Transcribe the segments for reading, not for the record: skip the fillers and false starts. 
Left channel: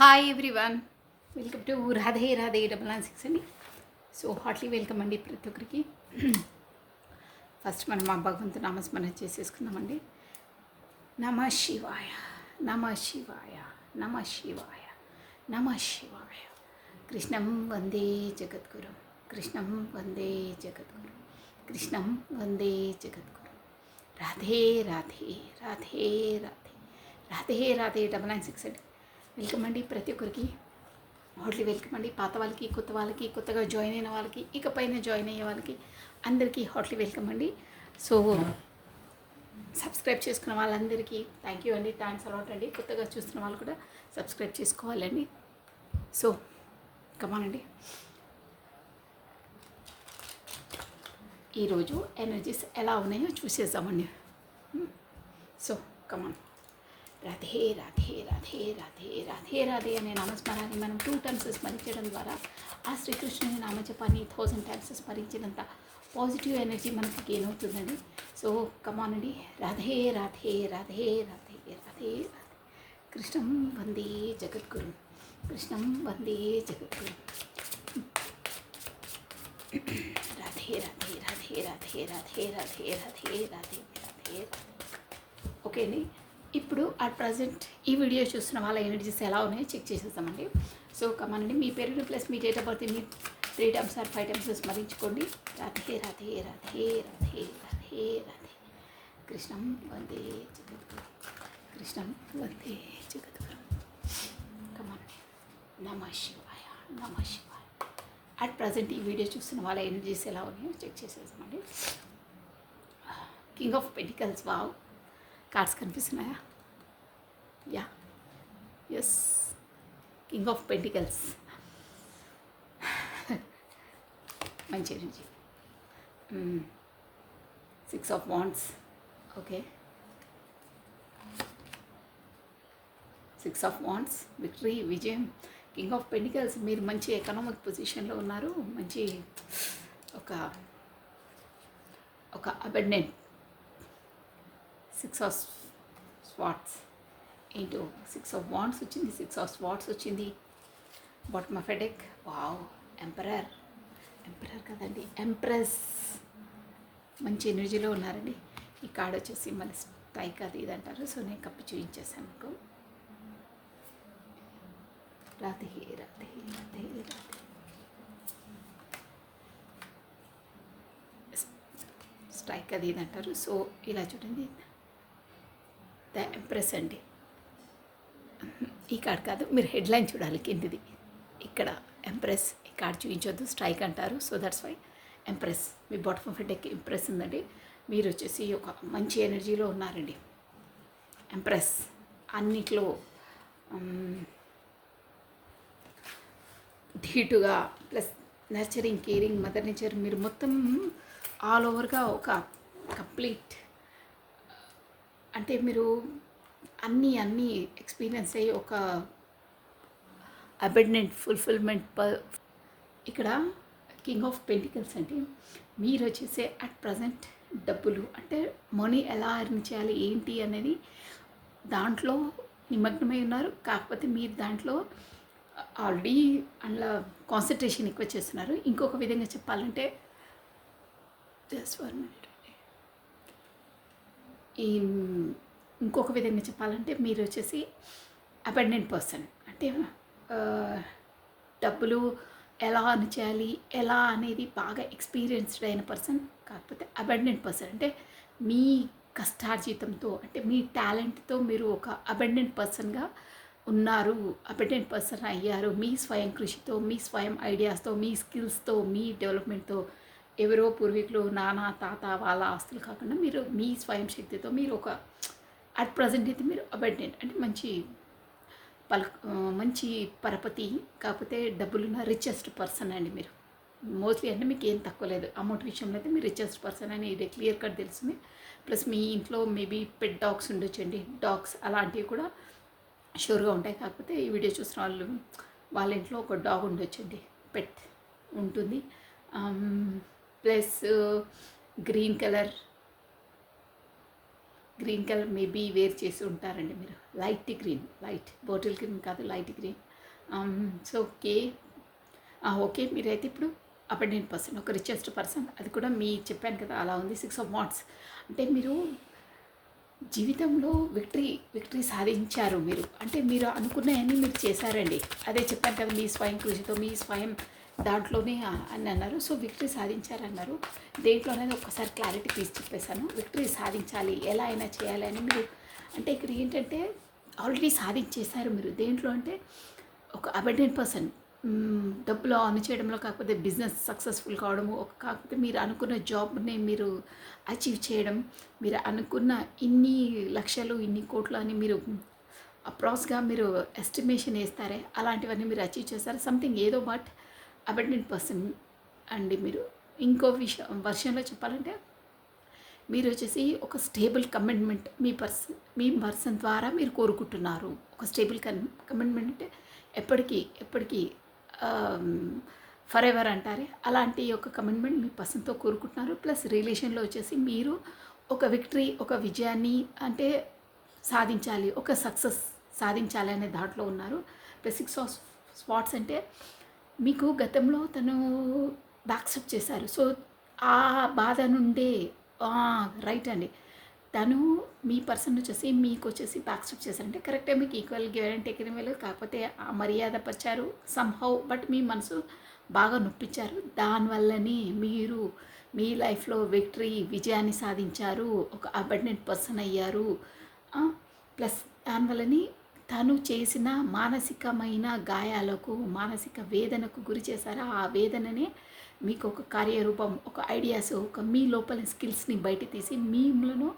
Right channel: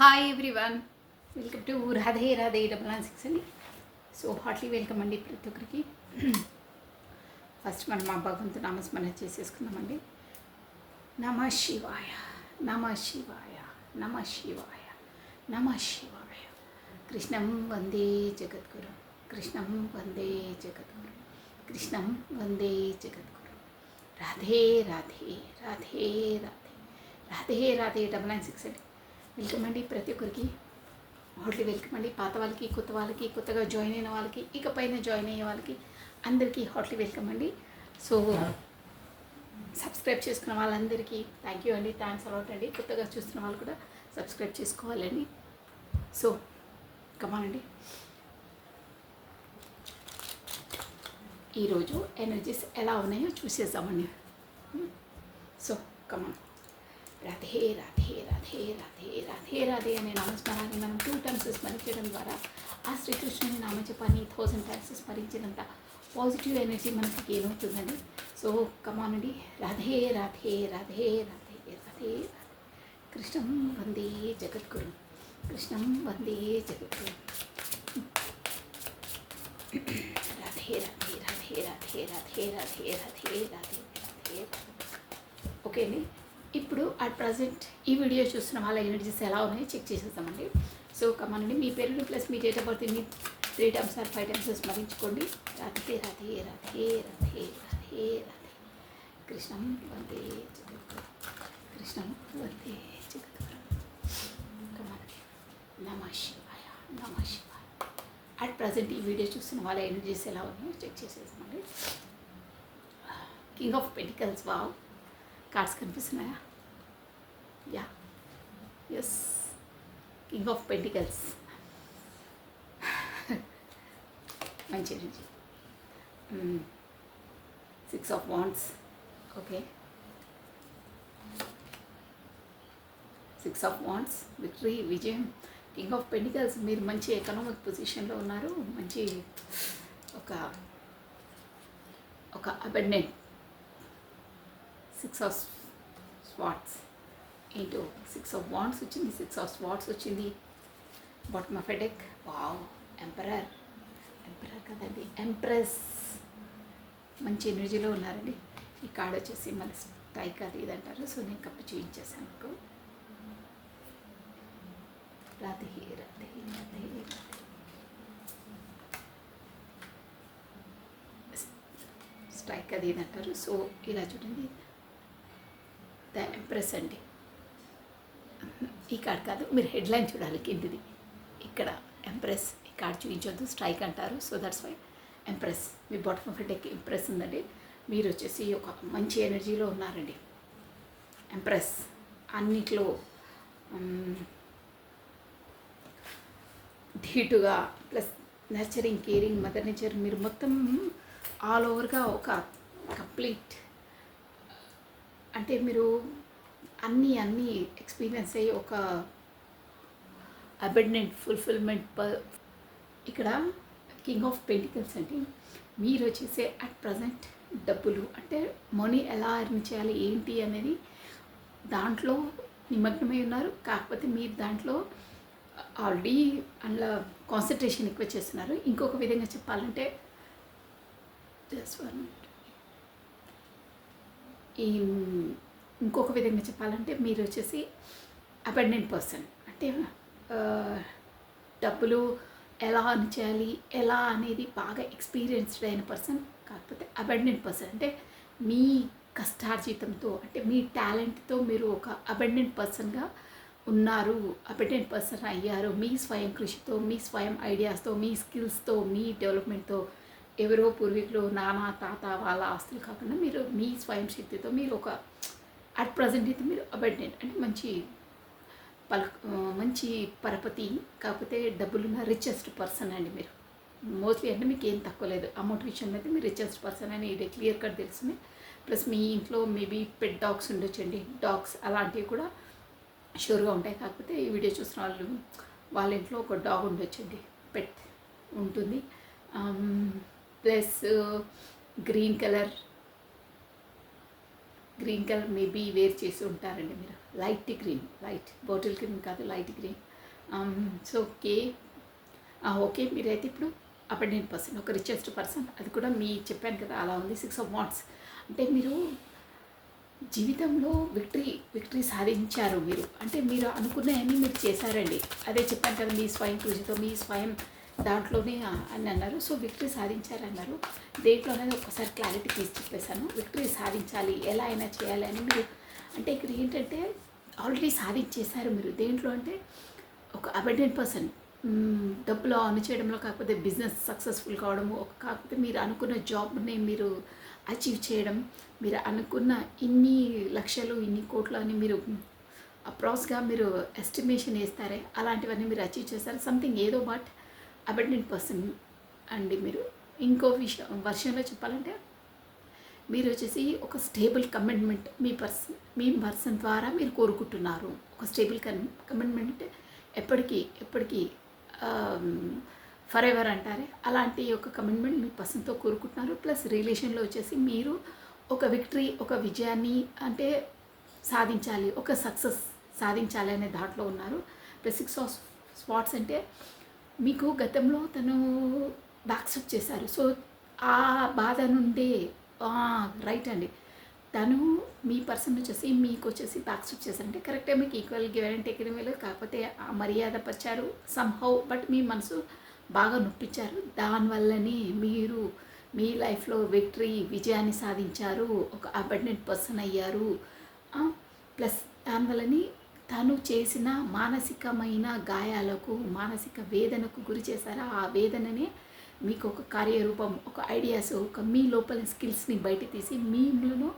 Hi everyone, welcome to Radhe Radhe 996 అని. So Hartley welcome అండి ప్రతి ఒక్కరికి. ఫస్ట్ మనం మా భగవంతు నామస్మరణ చేసేసుకుందామండి. నమ శివాయ, నమ శివాయ, నమ శివాయ, నమ శివాయ. కృష్ణం వందే జగద్గురు, కృష్ణం వందే జగద్గురు, కృష్ణం వందే జగద్గురు. రాధే రాధే రాధే రాధే రాధే రాధే 996 అండి. వెల్కమ్ అండి ప్రతి ఒక్కరికి, హార్ట్లీ వెల్కమ్ అండి. పాత వాళ్ళకి, కొత్త వాళ్ళకి, కొత్తగా జాయిన్ అయిన వాళ్ళకి, ఇకపైన జాయిన్ అయ్యే వాళ్ళకి అందరికీ హార్ట్లీ వెల్కమ్ అండి. సో సబ్స్క్రైబ్ చేసుకున్న వాళ్ళందరికీ థ్యాంక్ యూ అండి, థ్యాంక్స్ అలాట్ అండి. కొత్తగా చూస్తున్న వాళ్ళు కూడా సబ్స్క్రైబ్ చేసుకోవాలండి. సో కమాన్ అండి. ఈరోజు ఎనర్జీస్ ఎలా ఉన్నాయో చూసేద్దామండి. So come on. రాధే రాధే రాధే రాధే రాధే రాధే అనే నామస్మరాన్ని మనం 2 times స్మరించడం ద్వారా ఆ శ్రీకృష్ణుని నామజపాన్ని 1000 times స్మరించినంత పాజిటివ్ ఎనర్జీ మనకి గెయిన్ అవుతుందండి. సో కమాన్ అండి. రాధే రాధే రాధే రాధే రాధే రాధే. కృష్ణం వందే జగద్గురు, కృష్ణం వందే జగద్గురు. రాధే రాధే రాధే రాధే రాధే రాధే రాధే రాధే రాధే. ఓకే అండి. ఇప్పుడు అట్ ప్రజెంట్ ఈ వీడియో చూస్తున్న వాళ్ళ ఎనర్జీస్ ఎలా ఉన్నాయో చెక్ చేసేద్దామండి. సో కమానండి, మీ పేరు ప్లస్ మీ డేట్ ఆఫ్ బర్త్ మీ 3 times ఆర్ 5 times స్మరించుకోండి. రాధే రాధే రాధే రాధే రాధే రాధే. కృష్ణం వందే జగద్గురు, కృష్ణం వందే జగద్గురు. కమానండి. నమ శివాయ, నమ శివాయ. అట్ ప్రజెంట్ ఈ వీడియో చూస్తున్న వాళ్ళ ఎనర్జీస్ ఎలా ఉన్నాయో చెక్ చేసేద్దామండి. King of pentacles. Wow, cards కనిపిస్తున్నాయా? Yeah, yes, king of pentacles. మంచి energy. 6 of wands. Okay, 6 of wands, victory, విజయం. కింగ్ ఆఫ్ పెంటికల్స్, మీరు మంచి ఎకనామిక్ పొజిషన్లో ఉన్నారు. మంచి ఒక అబెండెంట్. 6 of swords ఏంటో 6 of wands వచ్చింది, 6 of swords వచ్చింది. Bottom of headache. Wow, emperor. Emperor కదండి, ఎంప్రెస్. మంచి ఎనర్జీలో ఉన్నారండి. ఈ కార్డ్ వచ్చేసి మన స్ట్రైక్ అది ఇది అంటారు. సో నేను కప్పి చూపించేసాను మీకు. రాధే రాధే రాధే రాధే. స్ట్రైక్ అది ఇది అంటారు. సో ఇలా చూడండి, ద ఎంప్రెస్ అండి. ఈ కార్డ్ కాదు, మీరు హెడ్లైన్ చూడాలి కిందిది. ఇక్కడ ఎంప్రెస్. ఈ కార్డ్ చూపించొద్దు, స్ట్రైక్ అంటారు. So that's why empress. మీ బాటమ్ ఆఫ్ హెడెక్ ఇంప్రెస్ ఉందండి. మీరు వచ్చేసి ఒక మంచి ఎనర్జీలో ఉన్నారండి. ఎంప్రెస్ అన్నిట్లో ధీటుగా, plus nurturing, caring, mother nature. మీరు మొత్తం ఆల్ ఓవర్గా ఒక కంప్లీట్, అంటే మీరు అన్నీ ఎక్స్పీరియన్స్ అయ్యి ఒక అబెండెంట్ ఫుల్ఫిల్మెంట్. ఇక్కడ కింగ్ ఆఫ్ పెంటికల్స్ అంటే మీరు వచ్చేసే అట్ ప్రజెంట్ డబ్బులు, అంటే మనీ ఎలా ఎర్న్ చేయాలి ఏంటి అనేది దాంట్లో నిమగ్నమై ఉన్నారు. కాకపోతే మీరు దాంట్లో ఆల్రెడీ అందులో కాన్సన్ట్రేషన్ ఎక్కువ చేస్తున్నారు. ఇంకొక విధంగా చెప్పాలంటే ఇంకొక విధంగా చెప్పాలంటే మీరు వచ్చేసి అబెండెంట్ పర్సన్. అంటే డబ్బులు ఎలా అర్న్ చేయాలి, ఎలా అనేది బాగా ఎక్స్పీరియన్స్డ్ అయిన పర్సన్. కాకపోతే అబెండెంట్ పర్సన్ అంటే మీ కష్టార్జితంతో, అంటే మీ టాలెంట్తో మీరు ఒక అబెండెంట్ పర్సన్గా ఉన్నారు. అబెండెంట్ పర్సన్ అయ్యారు మీ స్వయం కృషితో, మీ స్వయం ఐడియాస్తో, మీ స్కిల్స్తో, మీ డెవలప్మెంట్తో. ఎవరో పూర్వీకులు, నాన్న, తాత వాళ్ళ ఆస్తులు కాకుండా మీరు మీ స్వయం శక్తితో మీరు ఒక అట్ ప్రజెంట్ అయితే మీరు అబెండెంట్ అంటే మంచి పరపతి. కాకపోతే డబ్బులున్న రిచెస్ట్ పర్సన్ అండి మీరు. మోస్ట్లీ అంటే మీకు ఏం తక్కువ లేదు. అమౌంట్ విషయంలో అయితే మీరు రిచెస్ట్ పర్సన్ అని ఇది క్లియర్ కట్ తెలుస్తుంది. ప్లస్ మీ ఇంట్లో మేబీ పెట్ డాగ్స్ ఉండొచ్చండి. డాగ్స్ అలాంటివి కూడా షూర్గా ఉంటాయి. కాకపోతే ఈ వీడియో చూసిన వాళ్ళు వాళ్ళ ఇంట్లో ఒక డాగ్ ఉండొచ్చండి, పెట్ ఉంటుంది. Plus green colour green colour maybe wear చేసి ఉంటారండి మీరు. Light green, light bottle green కాదు, light green. So okay. Okay, మీరైతే ఇప్పుడు అబెండెంట్ పర్సన్, ఒక రిచెస్ట్ పర్సన్. అది కూడా మీ చెప్పాను కదా అలా ఉంది. 6 ఆఫ్ వాండ్స్ అంటే మీరు జీవితంలో విక్టరీ సాధించారు మీరు. అంటే మీరు అనుకున్నవన్నీ మీరు చేశారండి. అదే చెప్పాను కదా, మీ స్వయం కృషితో, మీ స్వయం దాంట్లోనే అని అన్నారు. సో విక్టరీ సాధించారన్నారు. దేంట్లో అనేది ఒకసారి క్లారిటీ తీసి చెప్పేశాను. విక్టరీ సాధించాలి, ఎలా అయినా చేయాలి అని మీరు. అంటే ఇక్కడ ఏంటంటే ఆల్రెడీ సాధించేశారు మీరు. దేంట్లో అంటే ఒక అబెండెంట్ పర్సన్, డబ్బులు ఆన్ చేయడంలో, కాకపోతే బిజినెస్ సక్సెస్ఫుల్ కావడము, కాకపోతే మీరు అనుకున్న జాబ్ని మీరు అచీవ్ చేయడం, మీరు అనుకున్న ఇన్ని లక్షలు ఇన్ని కోట్లు అని మీరు అప్రాక్స్గా మీరు ఎస్టిమేషన్ వేస్తారే, అలాంటివన్నీ మీరు అచీవ్ చేస్తారు. సంథింగ్ ఏదో బట్ అబెండెంట్ పర్సన్ అండి మీరు. ఇంకో వర్షన్లో చెప్పాలంటే మీరు వచ్చేసి ఒక స్టేబుల్ కమిట్మెంట్ మీ పర్సన్ ద్వారా మీరు కోరుకుంటున్నారు. ఒక స్టేబుల్ కమిట్మెంట్ ఎప్పటికీ ఫర్ ఎవర్ అంటారే, అలాంటి ఒక కమిట్మెంట్ మీ పర్సన్తో కోరుకుంటున్నారు. ప్లస్ రిలేషన్లో వచ్చేసి మీరు ఒక విక్టరీ, ఒక విజయాన్ని అంటే సాధించాలి, ఒక సక్సెస్ సాధించాలి అనే దాంట్లో ఉన్నారు. ప్లస్ 6 ఆఫ్ స్పాట్స్ అంటే మీకు గతంలో తను బ్యాక్సప్ చేశారు. సో ఆ బాధ నుండే రైట్ అండి, తను మీ పర్సన్ వచ్చేసి మీకు వచ్చేసి బ్యాక్స్టెప్ చేశారంటే కరెక్టే, మీకు ఈక్వల్ గివ్ అండ్ టేక్ వెళ్ళలేదు. కాకపోతే ఆ మర్యాద పరిచారు సంహౌ, బట్ మీ మనసు బాగా నొప్పించారు. దానివల్లనే మీరు మీ లైఫ్లో విజయాన్ని సాధించారు, ఒక అబెండెంట్ పర్సన్ అయ్యారు. ప్లస్ దానివల్లని తను చేసిన మానసికమైన గాయాలకు, మానసిక వేదనకు గురి చేశారు. ఆ వేదననే మీకు ఒక కార్యరూపం, ఒక ఐడియాస్, ఒక మీ లోపల స్కిల్స్ని బయట తీసి మీలో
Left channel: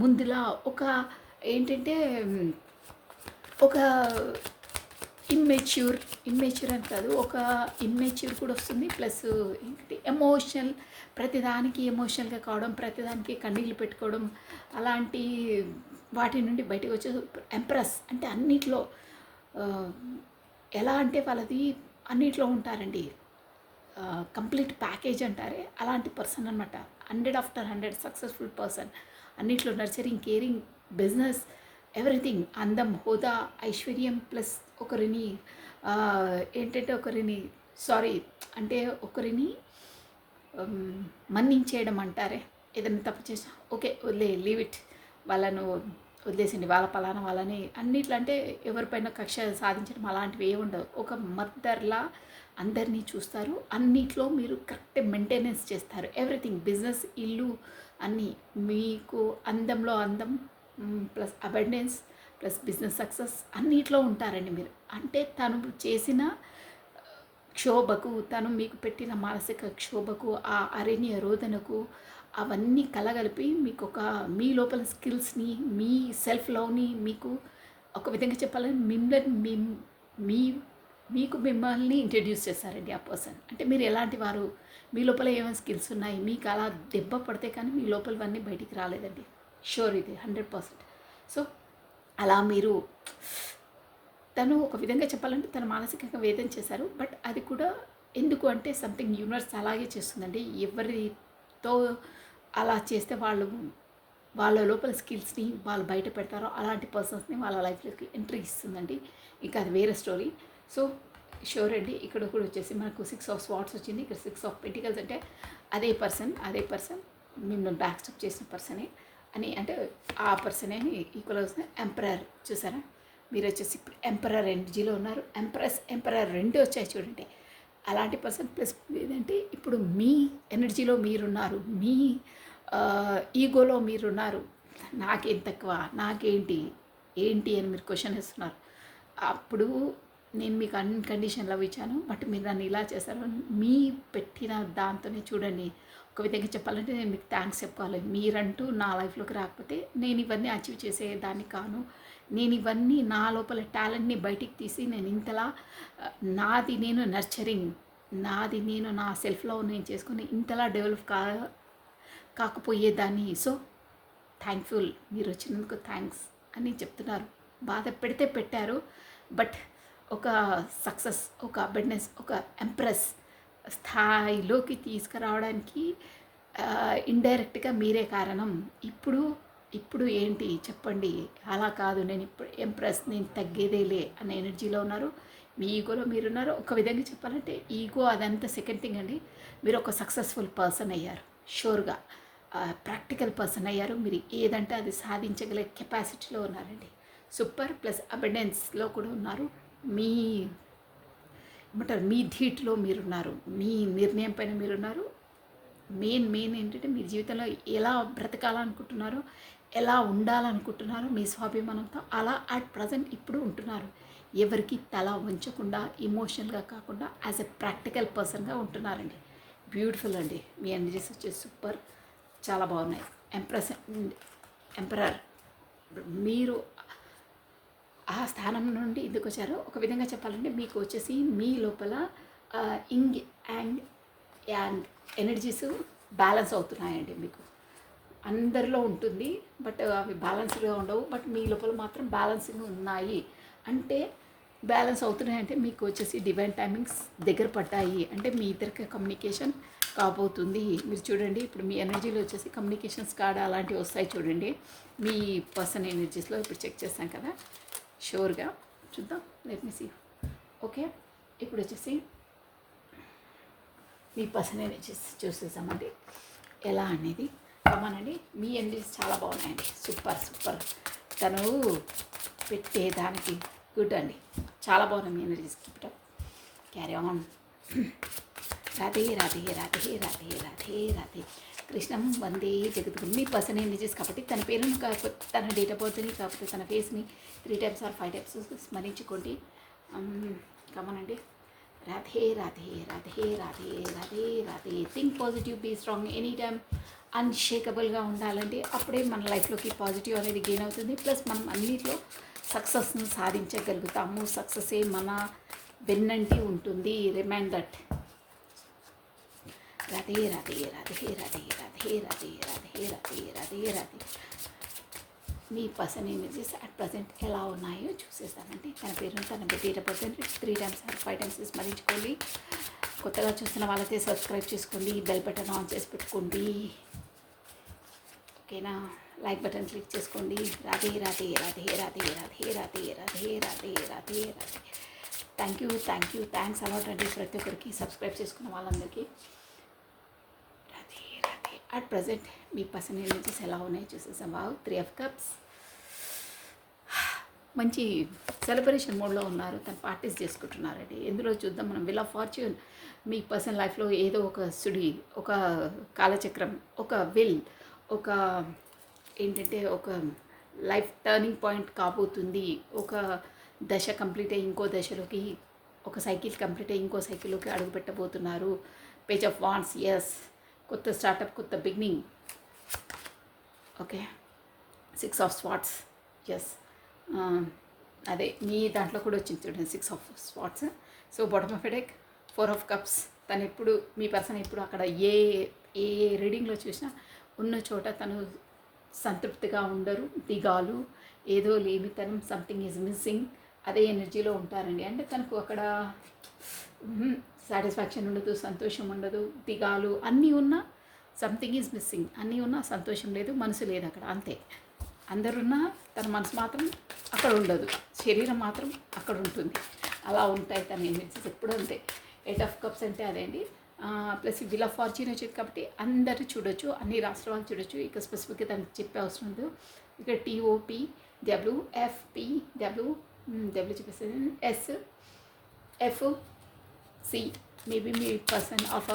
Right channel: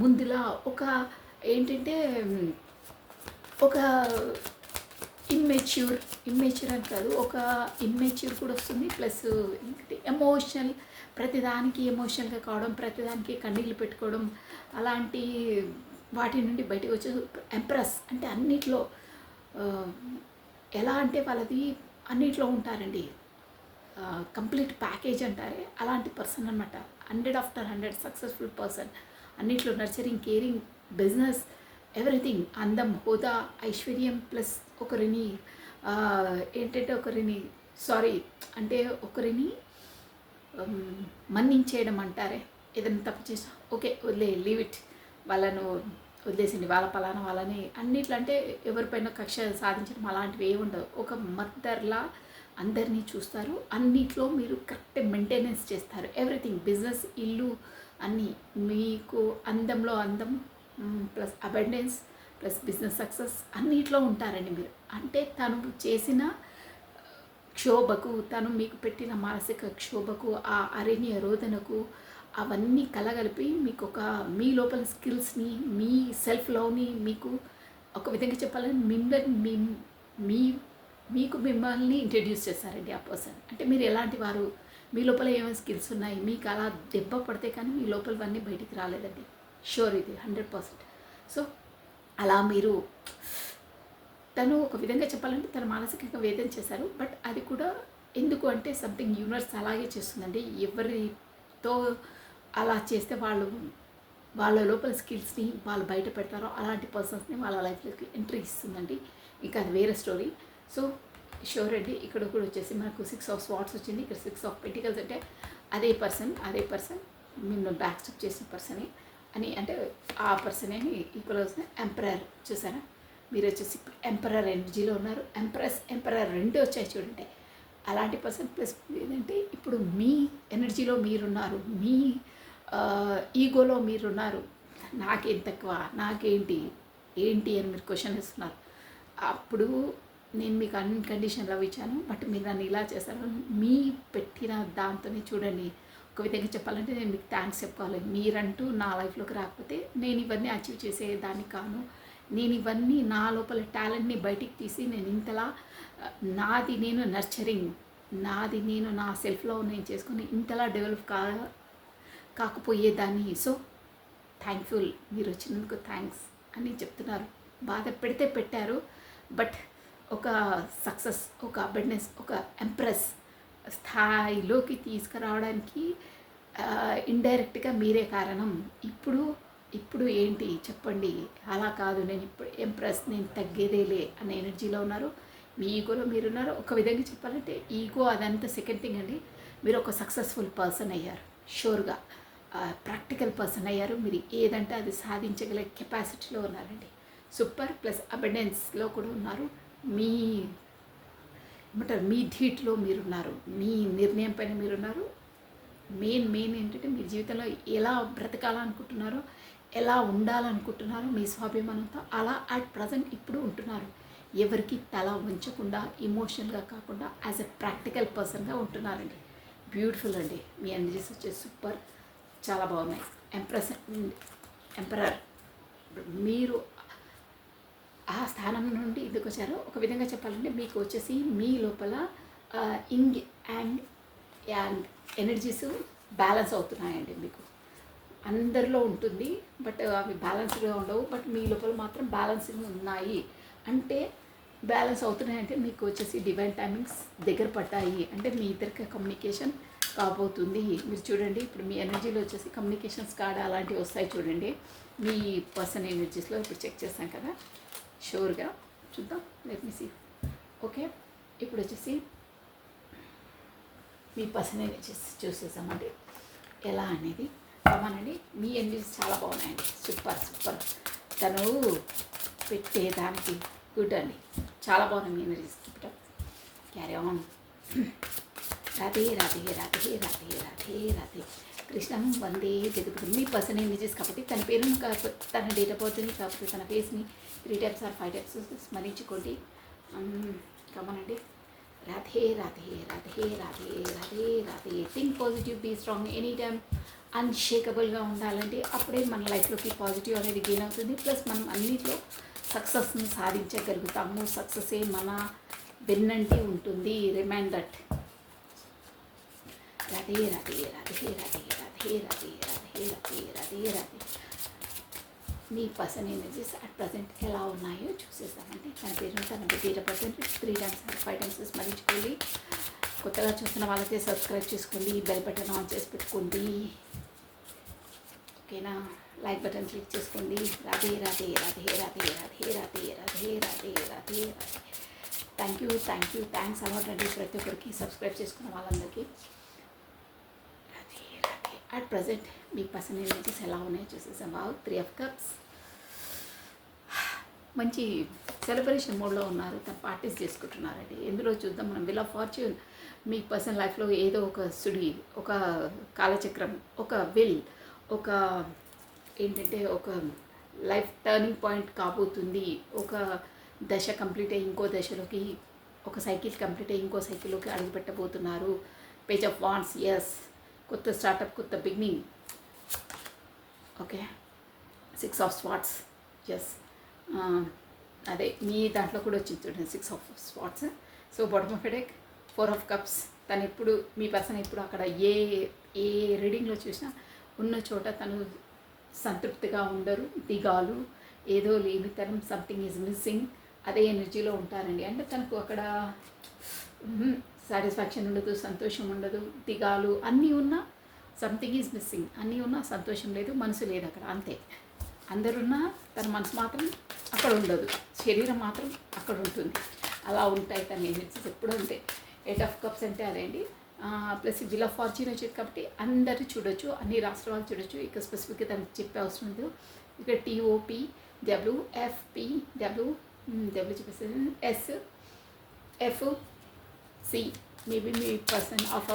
ముందులా ఒక ఏంటంటే ఒక ఇమ్మెచ్యూర్ అని కాదు, ఒక ఇమ్మెచ్యూర్ కూడా వస్తుంది. ప్లస్ ఏంటంటే ఎమోషనల్, ప్రతిదానికి ఎమోషనల్గా కావడం, ప్రతిదానికి కన్నీళ్ళు పెట్టుకోవడం, అలాంటి వాటి నుండి బయటకు వచ్చే ఎంప్రెస్ అంటే అన్నిట్లో ఎలా అంటే వాళ్ళది అన్నిట్లో ఉంటారండి. కంప్లీట్ ప్యాకేజ్ అంటారే, అలాంటి పర్సన్ అనమాట. 100 ఆఫ్టర్ 100 సక్సెస్ఫుల్ పర్సన్. అన్నిట్లో నర్చరింగ్, కేరింగ్, బిజినెస్, ఎవ్రీథింగ్, అందం, హోదా, ఐశ్వర్యం, ప్లస్ ఒకరిని ఏంటంటే ఒకరిని మన్నించేయడం అంటారే. ఏదైనా తప్పు చేసా ఓకే లీవ్ ఇట్, వాళ్ళను వదిలేసింది, వాళ్ళ పలానా వాళ్ళని అన్నిట్లో అంటే ఎవరిపైన కక్ష సాధించడం అలాంటివి ఏమి ఉండవు. ఒక మదర్లా అందరినీ చూస్తారు. అన్నిట్లో మీరు కరెక్ట్ మెయింటెనెన్స్ చేస్తారు. ఎవ్రీథింగ్, బిజినెస్, ఇల్లు అన్నీ మీకు అందంలో అందం, plus abundance, plus business success అన్నిట్లో ఉంటారండి మీరు. అంటే తను చేసిన క్షోభకు, తను మీకు పెట్టిన మానసిక క్షోభకు, ఆ అరణ్య రోదనకు అవన్నీ కలగలిపి మీకు ఒక మీ లోపల స్కిల్స్ని, మీ సెల్ఫ్ లవ్ని మీకు ఒక విధంగా చెప్పాలని మిమ్మల్ని ఇంట్రడ్యూస్ చేస్తారండి ఆ పర్సన్. అంటే మీరు ఎలాంటి వారు, మీ లోపల ఏమైనా స్కిల్స్ ఉన్నాయి, మీకు అలా దెబ్బ పడితే కానీ మీ లోపలవన్నీ బయటికి రాలేదండి. షూర్, ఇది 100%. సో అలా మీరు తను ఒక విధంగా చెప్పాలంటే తను మానసికంగా వేదన చేశారు. బట్ అది కూడా ఎందుకు అంటే సంథింగ్ యూనివర్స్ అలాగే చేస్తుందండి. ఎవరితో అలా చేస్తే వాళ్ళ లోపల స్కిల్స్ని వాళ్ళు బయట పెడతారో అలాంటి పర్సన్స్ని వాళ్ళ లైఫ్లోకి ఎంట్రీ ఇస్తుందండి. ఇంకా అది వేరే స్టోరీ. సో షూర్ అండి, ఇక్కడ కూడా వచ్చేసి మనకు 6 ఆఫ్ స్వాట్స్ వచ్చింది. ఇక్కడ 6 ఆఫ్ పెంటికల్స్ అంటే అదే పర్సన్ మిమ్మల్ని బ్యాక్ స్టెప్ చేసిన పర్సనే అని, అంటే ఆ పర్సనే ఈక్వల్ వస్తుంది. ఎంపరర్ చూసారా, మీరు వచ్చేసి ఇప్పుడు ఎంపరర్ ఎనర్జీలో ఉన్నారు. ఎంపరర్ రెండు వచ్చాయి చూడండి. అలాంటి పర్సన్ ప్లస్ ఏంటంటే ఇప్పుడు మీ ఎనర్జీలో మీరున్నారు, మీ ఈగోలో మీరున్నారు. నాకేం తక్కువ, నాకేంటి అని మీరు క్వశ్చన్ వేస్తున్నారు. అప్పుడు నేను మీకు అన్కండిషన్లో ఇచ్చాను, బట్ మీరు నన్ను ఇలా చేశారు. మీ పెట్టిన దాంతోనే చూడండి. ఒక విధంగా చెప్పాలంటే నేను మీకు థ్యాంక్స్ చెప్పుకోవాలి. మీరంటూ నా లైఫ్లోకి రాకపోతే నేను ఇవన్నీ అచీవ్ చేసేదాన్ని కాను. నేను ఇవన్నీ నా లోపల టాలెంట్ని బయటికి తీసి నేను ఇంతలా నాది నేను నర్చరింగ్, నాది నేను నా సెల్ఫ్లో నేను చేసుకుని ఇంతలా డెవలప్ కాకపోయేదాన్ని. సో థ్యాంక్ఫుల్, మీరు వచ్చినందుకు థ్యాంక్స్ అని చెప్తున్నారు. బాధ పెడితే పెట్టారు, బట్ ఒక సక్సెస్, ఒక అబెండెన్స్, ఒక ఎంప్రెస్ స్థాయిలోకి తీసుకురావడానికి ఇండైరెక్ట్గా మీరే కారణం. ఇప్పుడు ఇప్పుడు ఏంటి చెప్పండి, అలా కాదు, నేను ఇప్పుడు ఎంప్రెస్, నేను తగ్గేదేలే అనే ఎనర్జీలో ఉన్నారు. మీ ఈగోలో మీరున్నారు. ఒక విధంగా చెప్పాలంటే ఈగో అదంతా సెకండ్ థింగ్ అండి. మీరు ఒక సక్సెస్ఫుల్ పర్సన్ అయ్యారు, షూర్గా ప్రాక్టికల్ పర్సన్ అయ్యారు. మీరు ఏదంటే అది సాధించగల కెపాసిటీలో ఉన్నారండి. సూపర్ ప్లస్ అబెండెన్స్లో కూడా ఉన్నారు. మీ ఏమంటారు, మీ ధీట్లో మీరున్నారు, మీ నిర్ణయం పైన మీరున్నారు. మెయిన్ ఏంటంటే మీరు జీవితంలో ఎలా బ్రతకాలనుకుంటున్నారో, ఎలా ఉండాలనుకుంటున్నారో మీ స్వాభిమానంతో అలా అట్ ప్రజెంట్ ఇప్పుడు ఉంటున్నారు. ఎవరికి తల ఉంచకుండా, ఇమోషనల్గా కాకుండా యాజ్ ఎ ప్రాక్టికల్ పర్సన్గా ఉంటున్నారండి. బ్యూటిఫుల్ అండి. మీ ఎనర్జీస్ వచ్చేసి సూపర్, చాలా బాగున్నాయి. ఎంపరర్ మీరు ఆ స్థానం నుండి ఎందుకు వచ్చారో ఒక విధంగా చెప్పాలంటే మీకు వచ్చేసి మీ లోపల ఇంగ్ అండ్ ఎనర్జీస్ బ్యాలెన్స్ అవుతున్నాయండి. మీకు అందరిలో ఉంటుంది, బట్ అవి బ్యాలెన్స్డ్గా ఉండవు. బట్ మీ లోపల మాత్రం బ్యాలెన్సింగ్ ఉన్నాయి. అంటే బ్యాలెన్స్ అవుతున్నాయంటే మీకు వచ్చేసి డివైన్ టైమింగ్స్ దగ్గర పడ్డాయి అంటే మీ ఇద్దరికి కమ్యూనికేషన్ కాబోతుంది. మీరు చూడండి, ఇప్పుడు మీ ఎనర్జీలో వచ్చేసి కమ్యూనికేషన్స్ కార్డ్ అలాంటివి వస్తాయి చూడండి. మీ పర్సన్ ఎనర్జీస్లో ఇప్పుడు చెక్ చేస్తాం కదా, షూర్గా చూద్దాం. Let me see. ఓకే, ఇప్పుడు వచ్చేసి మీ పర్సన్ ఎనర్జీస్ చూసేసామండి ఎలా అనేది. కమానండి, మీ ఎనర్జీస్ చాలా బాగున్నాయండి. సూపర్. తను పెట్టేదానికి గుడ్ అండి, చాలా బాగున్నాయి మీ ఎనర్జీస్. ఇప్పుడు క్యారీ ఆన్. రాధే రాధే రాధే రాధే రాధే రాధే కృష్ణం వందే జగద్గురు. మీ పర్సన్ ఎనర్జీస్ కాబట్టి తన పేరుని కాకపోతే, తన డేట్ ఆఫ్ బర్త్ని కాకపోతే, తన ఫేస్ని 3 times or 5 times స్మరించుకోండి. కమనండి. Radhe Radhe Radhe Radhe Radhe Radhe. Think positive, be strong, any time అన్షేకబుల్గా ఉండాలండి. అప్పుడే మన లైఫ్లోకి పాజిటివ్ అనేది గెయిన్ అవుతుంది. ప్లస్ మనం అన్నిట్లో సక్సెస్ని సాధించగలుగుతాము. సక్సెసే మన వెన్నంటి ఉంటుంది. Remind that. రాధే రాధే రాధే రాధే రాధే రాధే రాధే రాధే రాధే రాధే. మీ పర్సన్ ఎనర్జీస్ అట్ ప్రజెంట్ ఎలా ఉన్నాయో చూసేస్తామండి. తన పేరును, తన date of birth 3 times or 5 times స్మరించుకోండి. కొత్తగా చూస్తున్న వాళ్ళైతే సబ్స్క్రైబ్ చేసుకోండి, బెల్ బటన్ ఆన్ చేసి పెట్టుకోండి. ఓకేనా, లైక్ బటన్ క్లిక్ చేసుకోండి. రాధే రాధే రాధే రాధే రాధే రాధే రాధే రాధే రాధే రాధే. థ్యాంక్స్ అలాట్ అండి ప్రతి ఒక్కరికి, సబ్స్క్రైబ్ చేసుకున్న వాళ్ళందరికీ. రాధే రాధే. అట్ ప్రజెంట్ మీ పర్సన్ ఎనర్జీస్ ఎలా ఉన్నాయో చూసేసాం. 3 of Cups మంచి సెలబ్రేషన్ మోడ్లో ఉన్నారు. తను పార్టీస్ చేసుకుంటున్నారండి. ఎందులో చూద్దాం మనం. Wheel of fortune. మీ పర్సనల్ లైఫ్లో ఏదో ఒక సుడి, ఒక కాలచక్రం, ఒక విల్, ఒక ఏంటంటే ఒక లైఫ్ టర్నింగ్ పాయింట్ కాబోతుంది. ఒక దశ కంప్లీట్ అయ్యి ఇంకో దశలోకి, ఒక సైకిల్ కంప్లీట్ అయ్యి ఇంకో సైకిల్లోకి అడుగు పెట్టబోతున్నారు. Page of wands. ఎస్, కొత్త స్టార్టప్, కొత్త beginning. Okay, 6 of Swords. Yes, అదే మీ దాంట్లో కూడా వచ్చింది చూడండి 6 of Swords. So bottom of deck 4 of Cups. తను ఎప్పుడు, మీ పర్సన్ ఎప్పుడు అక్కడ ఏ రీడింగ్లో చూసినా ఉన్న చోట తను సంతృప్తిగా ఉండరు. దిగాలు, ఏదో లేనితనం, సంథింగ్ ఈజ్ మిస్సింగ్, అదే ఎనర్జీలో ఉంటారండి. అంటే తనకు అక్కడ సాటిస్ఫాక్షన్ ఉండదు, సంతోషం ఉండదు, దిగాలు అన్నీ ఉన్నా సంథింగ్ ఈజ్ మిస్సింగ్. అన్నీ ఉన్నా సంతోషం లేదు, మనసు లేదు అక్కడ. అంతే, అందరున్నా తన మనసు మాత్రం అక్కడ ఉండదు, శరీరం మాత్రం అక్కడ ఉంటుంది. అలా ఉంటాయి తన ఎనర్జీస్ ఎప్పుడు అంతే. 8 of Cups అంటే అదే అండి. ప్లస్ వీల్ ఆఫ్ ఫార్చ్యూన్ వచ్చేది కాబట్టి అందరూ చూడొచ్చు, అన్ని రాష్ట్రాలు చూడొచ్చు. ఇక స్పెసిఫిక్గా తనకు చెప్పే అవసరం లేదు. ఇక్కడ TOP WFP W చెప్పేసి SFC. Maybe me person of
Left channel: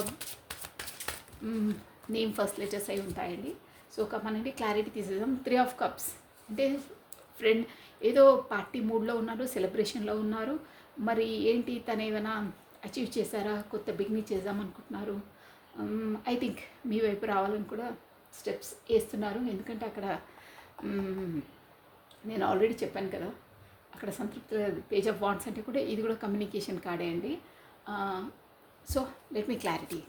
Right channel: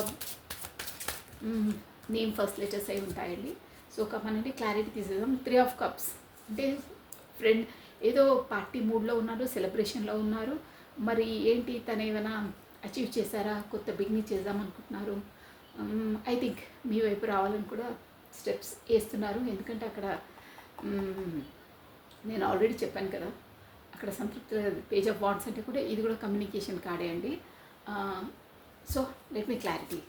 name first letters అయి ఉంటాయండి. సో కమనండి, క్లారిటీ తీసేద్దాం. 3 of Cups అంటే ఫ్రెండ్ ఏదో పార్టీ మూడ్లో ఉన్నారు, సెలబ్రేషన్లో ఉన్నారు. మరి ఏంటి, తను ఏమైనా అచీవ్ చేశారా, కొత్త బిగినింగ్ చేద్దామనుకుంటున్నారు. ఐ థింక్ మీ వైపు రావాలని కూడా స్టెప్స్ వేస్తున్నారు. ఎందుకంటే అక్కడ నేను ఆల్రెడీ చెప్పాను కదా, అక్కడ సంతృప్తి. పేజ్ ఆఫ్ వాండ్స్ అంటే కూడా ఇది కూడా కమ్యూనికేషన్ కార్డే అండి. సో లెట్ మీ క్లారిటీ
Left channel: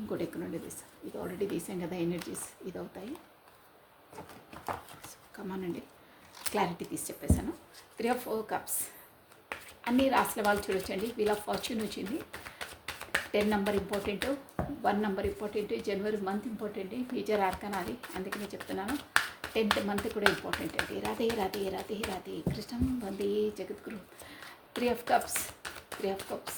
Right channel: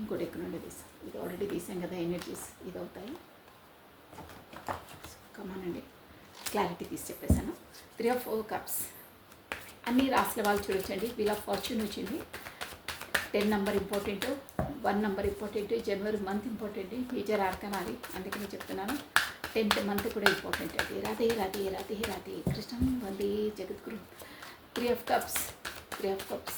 ఇంకోటి ఎక్కడ నుండి తీస్తాం. ఇది ఆల్రెడీ తీసాం కదా, ఎనర్జీస్ ఇది అవుతాయి. కమానండి, క్లారిటీ తీసి చెప్పేశాను. 3 of Cups అన్ని రాసిన వాళ్ళు చూడొచ్చండి. వీల్ ఆఫ్ ఫార్చ్యూన్ వచ్చింది. 10 నెంబర్ ఇంపార్టెంట్, 1 నెంబర్ ఇంపార్టెంట్, జనవరి మంత్ ఇంపార్టెంట్, మేజర్ ఆర్కన్ అది, అందుకనే చెప్తున్నాను. 10th మంత్ కూడా ఇంపార్టెంట్ అండి. రాధే రాధే రాధే రాధే కృష్ణం వందే జగద్గురు. 3 of cups, 3 of cups.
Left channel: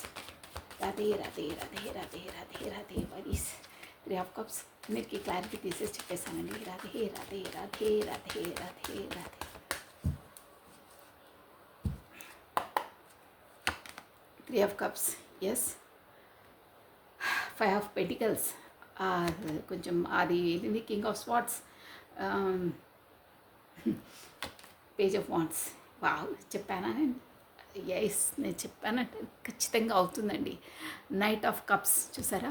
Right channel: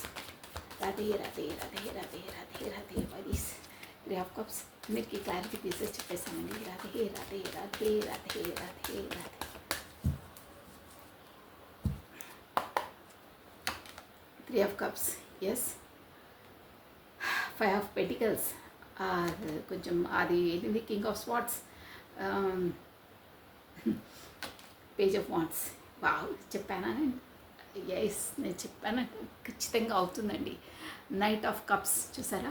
Radhe Radhe Radhe Radhe Radhe Radhe వైస్ 3 of cups. మీకు క్లారిటీ తీసేసి చెప్పేసానండి. Radhe Radhe Radhe Radhe Radhe Radhe. 3 of cups, yes. 5 of Pentacles, కొంచెం అది ఏంటి, king of swords, page of wands. Wow, చెప్పానా? ఎస్, నేను చెప్పానంటే ఖచ్చితంగా అవుతుందండి. నైట్ ఆఫ్ కప్స్ చూసారా,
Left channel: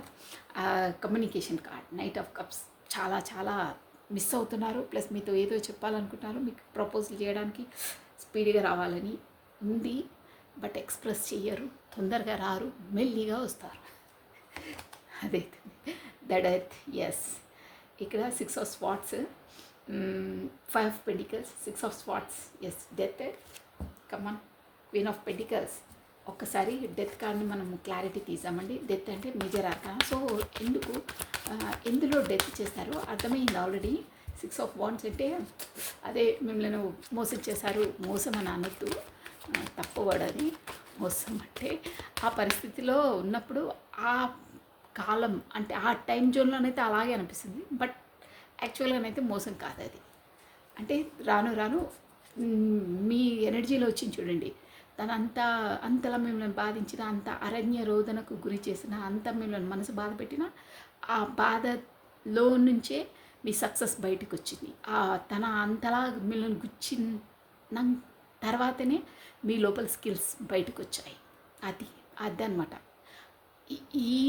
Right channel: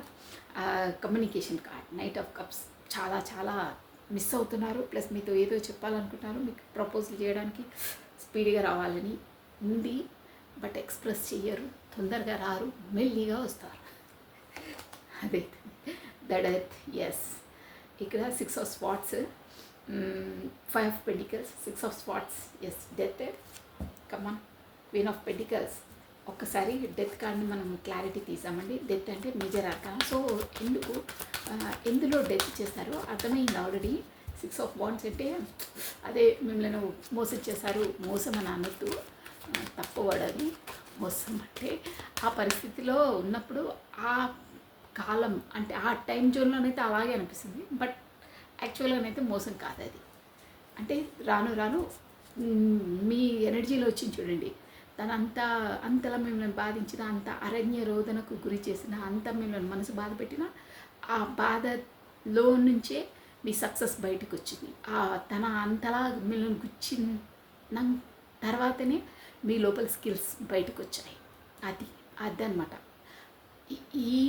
communication card. Knight of cups చాలా చాలా మిస్ అవుతున్నారు. ప్లస్ మీతో ఏదో చెప్పాలనుకుంటున్నారు, మీకు ప్రపోజల్ చేయడానికి స్పీడ్గా రావాలని ఉంది. బట్ ఎక్స్ప్రెస్ చెయ్యరు, తొందరగా రారు, మెల్లిగా వస్తారు. అదే దట్ ఎస్. ఇక్కడ 6 of Swords, 5 of Pentacles, 6 of Swords, yes. Death, come on. Queen of Pentacles. ఒక్కసారి డెత్ కార్డ్ని మనం క్లారిటీ తీసామండి. డెత్ అంటే మేజర్ ఆర్కానా. సో ఎందులో డెత్ చేస్తారో అర్థమైంది ఆల్రెడీ. 6 of Wands అంటే అదే మిమ్మల్ని మోసం చేశారు. మోసం అని అనొద్దు, తప్పవడది. మోసం అంటే ఆ పరిస్థితిలో ఉన్నప్పుడు ఆ కాలం అంటే ఆ టైం జోన్లోనైతే అలాగే అనిపిస్తుంది. బట్ యాక్చువల్గానైతే మోసం కాదు అది. అంటే రాను రాను మీ ఎనర్జీలో వచ్చింది చూడండి. అంతలా మిమ్మల్ని బాధించిన, అంత అరణ్య రోదనకు గురి చేసిన, అంత మిమ్మల్ని మనసు బాధ పెట్టిన, ఆ బాధలో నుంచే మీ సక్సెస్ బయటకు వచ్చింది. తన అంతలా మిమ్మల్ని గుచ్చిన తర్వాతనే మీ లోపల స్కిల్స్ బయటకు వచ్చాయి. అదనమాట ఈ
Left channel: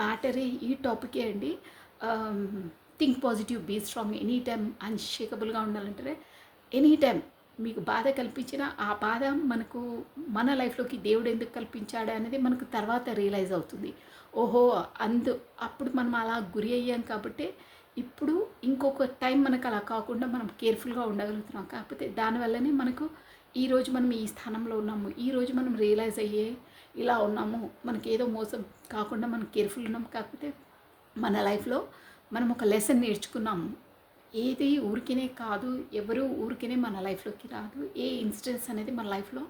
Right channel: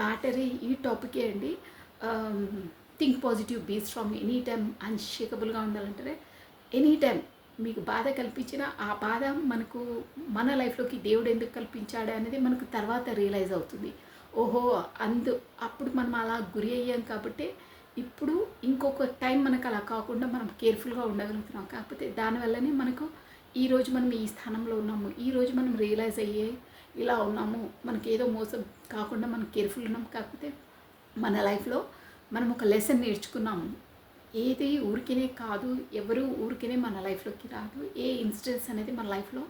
మ్యాటర్, ఈ టాపికే అండి. Think positive, be strong, any time అన్షేకబుల్గా ఉండాలంటే ఎనీ టైం మీకు బాధ కల్పించిన ఆ బాధ మనకు మన లైఫ్లోకి దేవుడు ఎందుకు కల్పించాడు అనేది మనకు తర్వాత రియలైజ్ అవుతుంది. ఓహో, అప్పుడు మనం అలా గురి అయ్యాం కాబట్టి ఇప్పుడు ఇంకొక టైం మనకు అలా కాకుండా మనం కేర్ఫుల్గా ఉండగలుగుతున్నాం. కాకపోతే దానివల్లనే మనకు ఈరోజు మనం ఈ స్థానంలో ఉన్నాము. ఈరోజు మనం రియలైజ్ అయ్యే ఇలా ఉన్నాము. మనకి ఏదో మోసం కాకుండా మనం కేర్ఫుల్ ఉన్నాం. కాకపోతే మన లైఫ్లో మనం ఒక లెసన్ నేర్చుకున్నాము. ఏది ఊరికినే కాదు, ఎవరు ఊరికినే మన లైఫ్లోకి రాదు. ఏ ఇన్సిడెంట్స్ అనేది మన లైఫ్లో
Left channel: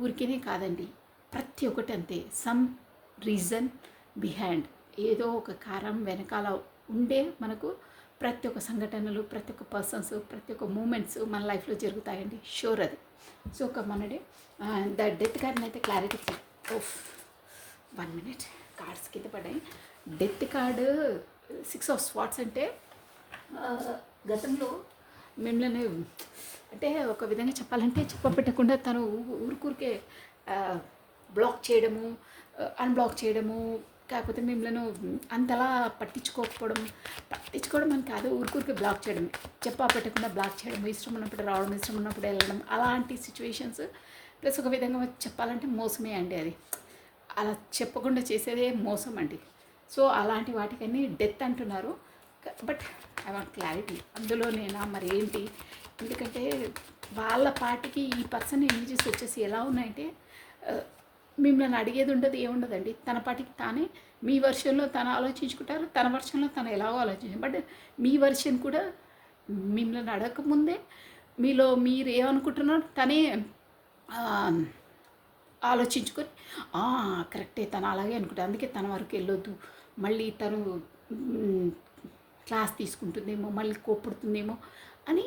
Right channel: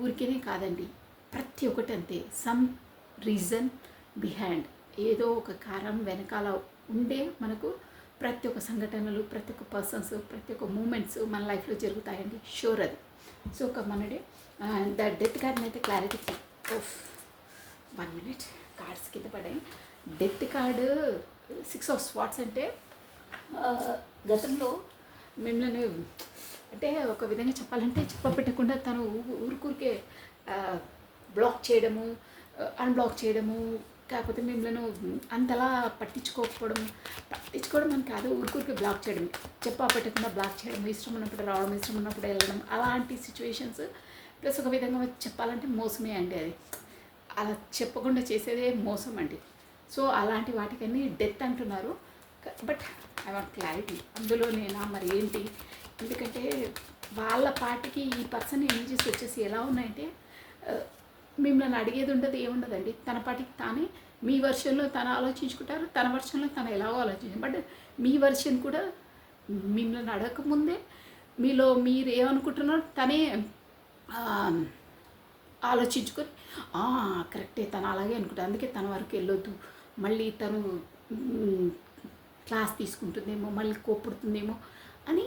ఊరికినే కాదండి. ప్రతి ఒక్కటి అంతే. సమ్ రీజన్ బిహైండ్, ఏదో ఒక కారణం వెనకాల ఉండే మనకు ప్రతి ఒక్క సంఘటనలు, ప్రతి ఒక్క పర్సన్స్, ప్రతి ఒక్క మూమెంట్స్ మన లైఫ్లో జరుగుతాయండి. షూర్ అది. సో ఒక మనడే ద డెత్ కార్డ్ని అయితే క్లారిటీ 1 minute కార్డ్స్ కింద పడ్డాయి. డెత్ కార్డు 6 of Swords అంటే గతంలో మిమ్మల్ని అంటే ఒక విధంగా చెప్పాలంటే చెప్పపెట్టకుండా తను ఊరికే బ్లాక్ చేయడము, అన్బ్లాక్ చేయడము, కాకపోతే మిమ్మల్ని అంతలా పట్టించుకోవడం అని కాదు, ఊరికే బ్లాక్ చేయడం, చెప్పపెట్టకుండా బ్లాక్ చేయడం, ఇష్టం ఉన్నప్పుడు రావడం, ఇష్టం ఉన్నప్పుడు వెళ్ళడం, అలాంటి సిచ్యువేషన్స్. ప్లస్ ఒక విధంగా చెప్పాలంటే మోసమే అండి. అది అలా చెప్పకుండా చేసేదే మోసం అండి. సో అలాంటి వాటికన్నీ డెత్ అంటున్నారు. బట్ ఐ వాంట్ క్లారిటీ, అందులోనేనా మరి ఏంటి? ఎందుకంటే వాళ్ళ పాటికి ఈ పర్సన్ ఎనర్జీస్ వచ్చేసి ఎలా ఉన్నాయంటే మిమ్మల్ని అడిగేది ఉండదు, ఏముండదండి. తన పాటికి తానే మీ వర్షన్లో తను ఆలోచించుకుంటారు, తన వర్షన్లో తను ఎలాగో ఆలోచించారు. బట్ మీ వర్షన్ కూడా మిమ్మల్ని అడగకముందే మీలో మీరు ఏమనుకుంటున్నారో తనే ఆలోచించుకొని కరెక్టే, తను అలాగే అనుకుంటారు, అందుకే తన వరకు వెళ్ళొద్దు, మళ్ళీ తను క్లాస్ తీసుకుంటుందేమో, మళ్ళీ కోపడుతుందేమో అని